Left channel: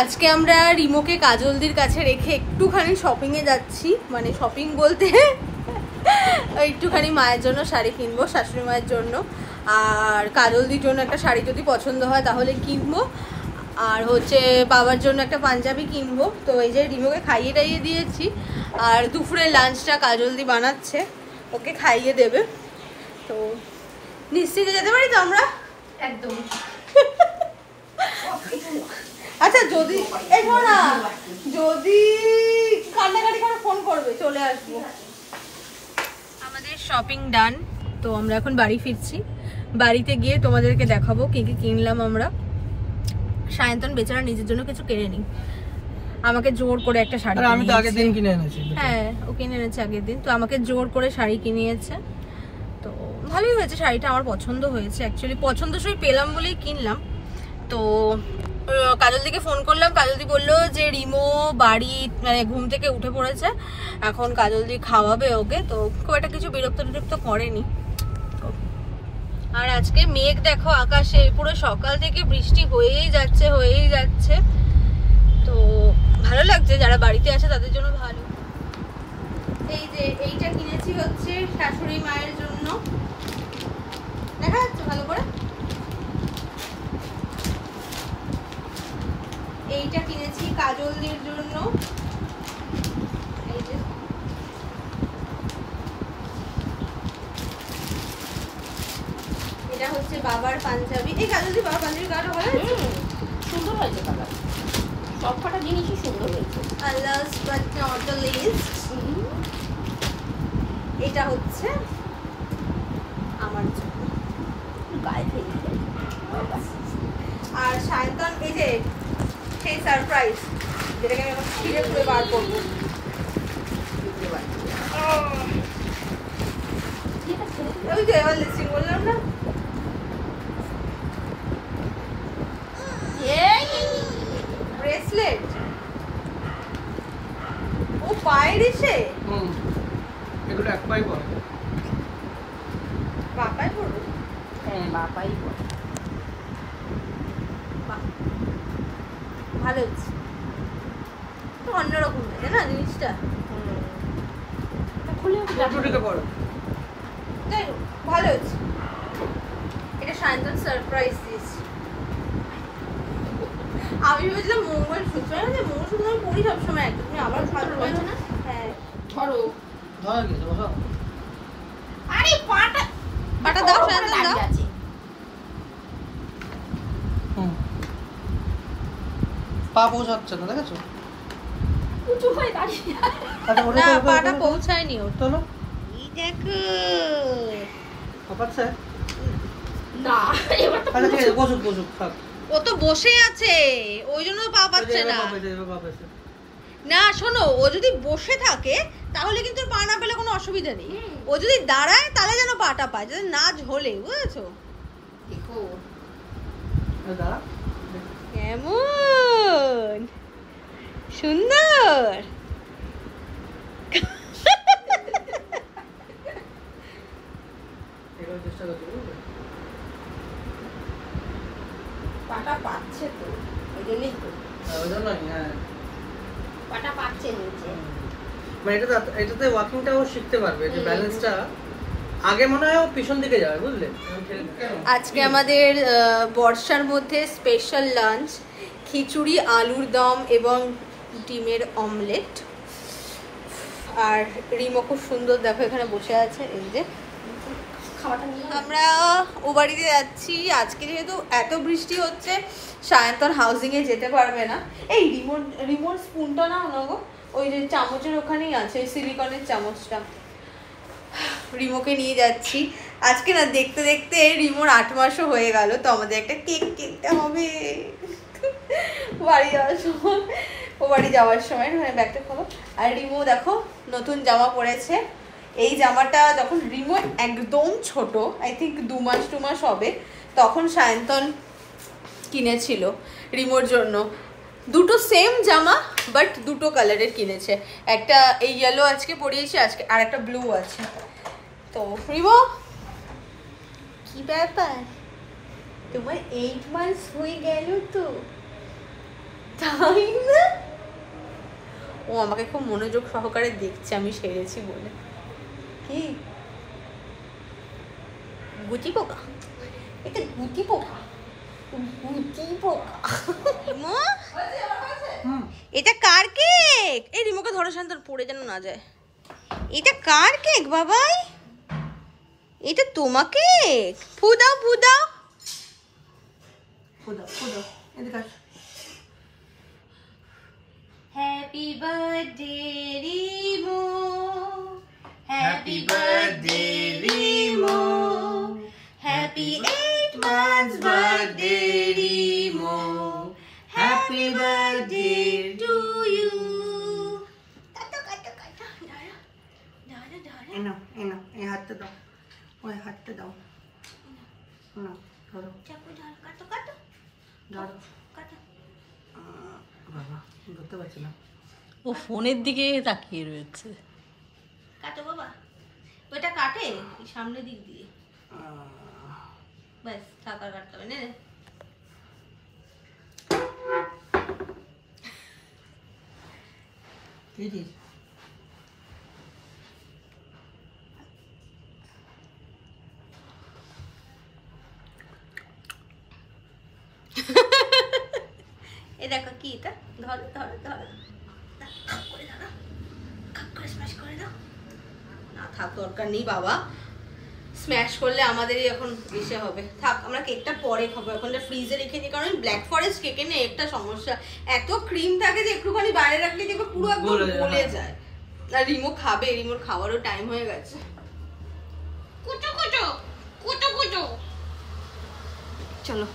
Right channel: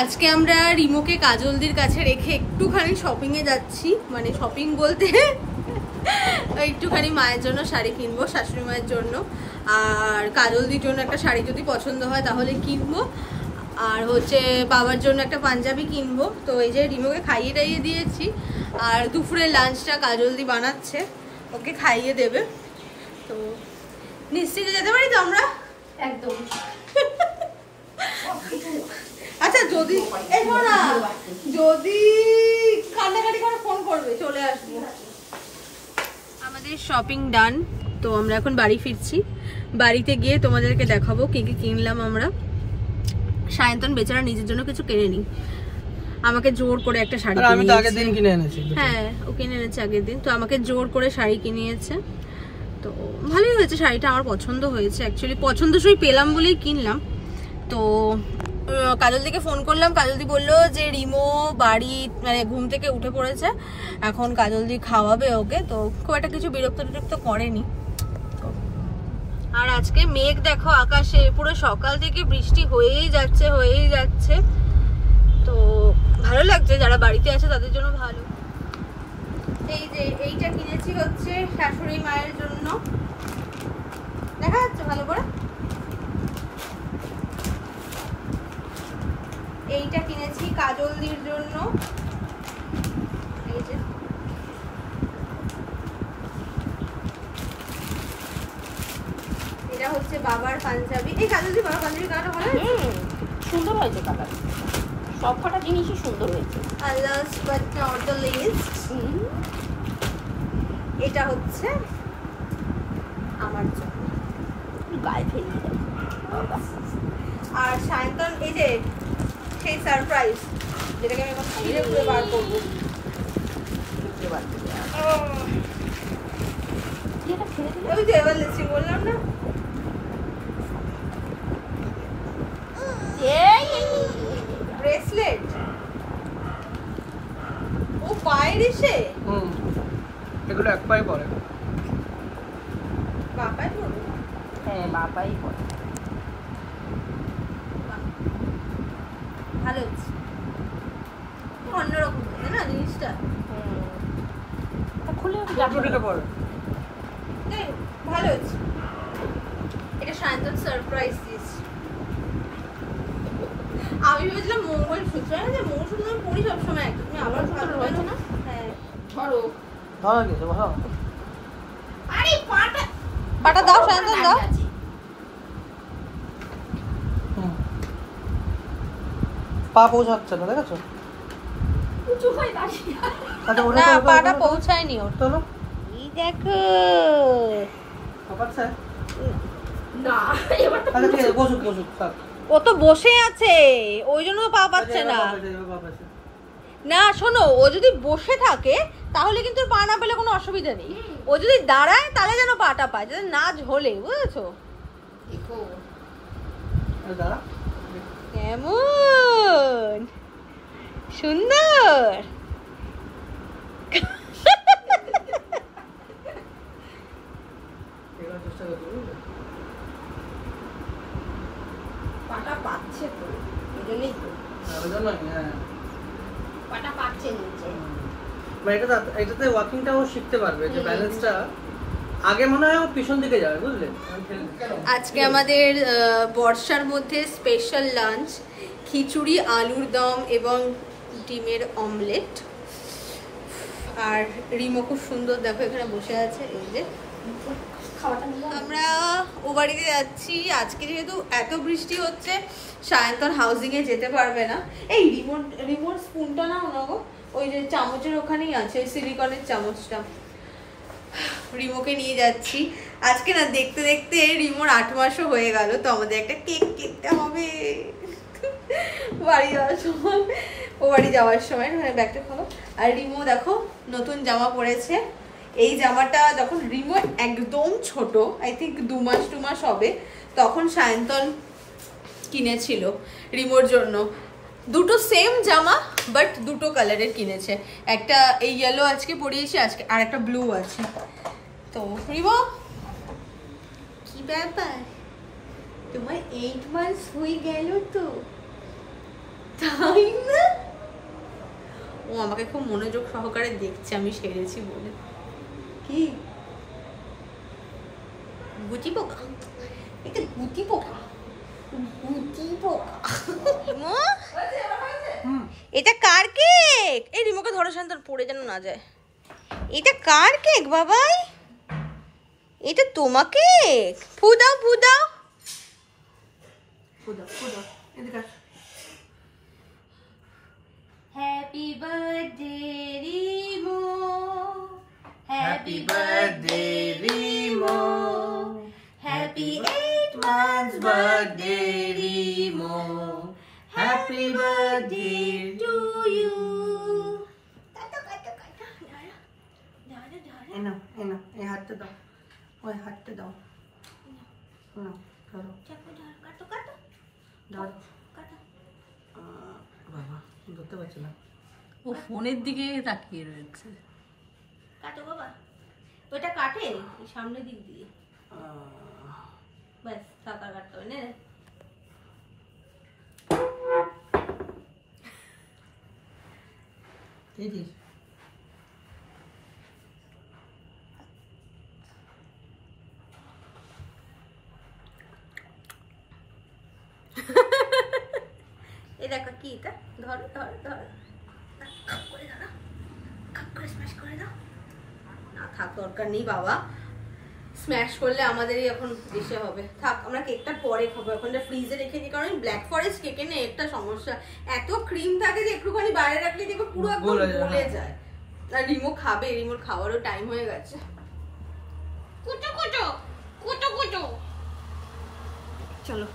আজকে আমরা রিমোকে কাজলদির কাছে রেখে একটুখানি শপিংয়ে যাচ্ছি, মানে শপিং বলতে একটুখানি মায়ের জন্য শাড়ি কিনবো, শাশুড়ি মায়ের জন্য, আর কাজলদির জন্য একটা শাড়ি যদি পছন্দ হয় তাহলে কিনবো, আর হচ্ছে বাবার জন্য একটা পাঞ্জাবি কিনবো। তো এই যে রিমোকে খাইয়ে টাইয়ে দিয়েছি, আর দুপুরে লাঞ্চটা কাজলদি বানাচ্ছে, ওকে খাইয়ে দেবে। তো নিশ্চিন্তে যেতে পারি তো আমরা একদম। আচ্ছা যদি না যদি কান্নাকাটি করে ফোন করবে, চলে আসবো। আমাদের শপিং ডান, তো আমরা এখন বাড়ি ফিরছি। বাড়িতে গিয়ে তোমাদেরকে দেখাবো কি কি কিনলাম আমরা। সায়ন্তন বেচারা নিজের জন্য কিছু কেনেনি, আমাকে জোর করে একটা শাড়ি কিনে এনেছে। আগের দিন কিনে এনেছি। হ্যাঁ, ও কিনে এনেছে আগের দিন, তো আমাকে জোর করে শাড়ি কিনিয়েছে। তো ভালোই হয়েছে শাড়িটা, আমার পছন্দ হয়েছে, অ্যাকচুয়ালি পছন্দসই পেলাম বলেই কিনলাম। তো কাজলদিকে ফোন করলাম, কাজলদি বললো যে রিমো বাড়ি মানে ঘুম থেকে উঠে পড়েছে, এখন কাজলদি খাওয়াবে ওকে, তো খুব একটা কিছু বিরক্ত করেনি। আর আজকে মেঘ দেখো আকাশে, পুরো সকাল থেকে বৃষ্টি হয়েই যাচ্ছে। তো ভালো লাগছে, যারা বাড়িতে আছে তাদের জন্য ভালো। এই যে এইটা কিনেছি হচ্ছে শাশুড়ি মায়ের জন্য, দেখা যাচ্ছে ভালো করে। এইটা কিনেছি কাজলদির জন্য, এই যে এটা হচ্ছে বাবার পাঞ্জাবি। এই কাজলদি বাবার পাঞ্জাবি কালারটা ভালো হয়েছে, সুন্দর হয়েছে কালার, সবকটা জিনিসই সুন্দর হয়েছে। Last but not the least, এটা হচ্ছে আমার জন্য। আর সায়ন্তন এই যে সেই সারপ্রাইজ, যেটাকে আমি এখন ছিঁড়ে খুঁড়ে বার করবো। ওই যে এবার লিস্টিং বললাম না, ব্রেসলেট ও পায়ের এসে এগুলো এক পাই পরে, বাপাই পড়বে। হ্যাঁ, বাবাই পড়ে। ভালো হচ্ছে, তো অন্যরকম হয়েছে না জিনিসটা, যাই হোক ভালো হচ্ছে। এটা সায়ন্তন সারপ্রাইজ দিয়েছি। আমি ভেবেছিলাম মঙ্গলসূত্র, যে মঙ্গলসূত্র আমি পড়ি সবসময়, একটা তুমি আবার ভালো হয়েছে না। হ্যাঁ ধরো আরে পাটা দাও সায়ন্তন দাও। পা পৌঁছাচ্ছে না, দেখেছো? না পাটা পৌঁছায়নি ওর। তো এই দেখো না, ও তো বসে আছে, ওই জন্য তো পা পাচ্ছে না। না শোনো, ও যদি বসে থাকে তাহলে কিন্তু পা না পেলে কোনো অসুবিধা নেই, ও যদি দাঁড়ায় তাহলে যেন পাটা পায়, যাতে না ঝোলে, বুঝেছো? দেখো কেমন সুন্দর। পাটা পাচ্ছে তো, এই জন্যই তো পাটা পাচ্ছে নিচে। এটাতে ওয়াকিংটাও শিখতে পারবে, যে ব্যালেন্সটা আগে মনে হয় পিছন দিকে যাবে, বুঝলে? আজকে আমাদের বর্ষার মধ্যে স্পেশাল লাঞ্চ, খিচুড়ি, আলুর দম এবং ডিমের অমলেট। আর রিমো খুব সুন্দর দেখো এখানে বসে আছে। এই যে আমরা ও বাড়িতে যাচ্ছি আজকে, যেহেতু এত বৃষ্টি হচ্ছে সায়ন্তন হাউজিং এ যেতে পারবে না। এই রিমোট স্পুনটা নাও না গো, ওই যে চামচের ওখানেই আছে, ওই সিলিকনের চামচটা। রিমোকে নিয়ে যাচ্ছি আজকে। না দেখতে দেখতে রিমোর 8 মাসও হয়ে গেল, তো আমাদের একটা কেক কিনতে হবে বাড়ি যাওয়ার সময়, ও বাড়ি যাওয়ার সময়। ব্যাগটা খোলো। আর রিমো দেখো নতুন জামা পরেছে। এই জামাটা যখন রিমো একদম ছোট, আই থিঙ্ক 2 মাস হবে, তখন সায়ন্তন কিনেছিল রিমোর জন্য। দুটো সেম জামা বাট দুটো কালারের কিনেছে, একটা এই ইয়েলো আজকে পরিয়েছি, আজকে আর একটা ব্লু আছে। তো রিমো কি ব্যাপার, তোমার 8 মাস হয়ে গেল তো, তাই না? ও আমাকে খুব মনোযোগ সহকারে দেখছে আমি সেরেছি বলে। কি গুটি পোকা? এটা গুটি পোকা, গুটি পোকা। এটা কার কেক? এই রিমোকে ধরো শান্তর, পড়ে যেন না যায়। এটা কার কেক বাবাই? এটা তোমার কেক? ফু দাও, ফু দাও, ফু দাও, ফু দাও। এদিকে আসো। Happy birthday Rimo, happy birthday Rimo, happy 8 months birthday Rimo, happy birthday to you. কাটো কাটো কাটো, ধরো ধরো ধরো। এনো এনো, এই হাতটা দাও, ওই হাতটা দাও না, ধরো চাকু, ধরো, কাটো কাটো, ধরো কাটো। বাবা ধরতে পারছি না, ও ফোনের দিকে তাকিয়ে রয়েছে। কাটো বাবা, ওইটা কাটে এই সামনের দিক দিয়ে, ব্যাস টাকা কাটতে হবে না। খেয়েছিস? এই দেখো কি এটা, ধরো ধরো ধরো, খাপ করে ধরো, খাপ করে স্ম্যাশ করে দাও। না থাক, দরকার নেই বাবা, স্ম্যাশ করলে আমাদেরই এখন এসে হবে। থাক, আমরা কেকটা পরে খাবো, এখন ফ্রিজে রেখে দিই, কারণ ব্ল্যাক ফরেস্ট কেকে নিয়ে একটা সমস্যা, এত ক্রিম থাকে যে একটুখানি বাইরে রাখলে দেখো পুরো একদম গলে যায়। আর রিমো খাবে, রিমোর খাওয়ারও টাইম হয়ে গেছে। কুটো কুটো কুটো কুটো, চলো।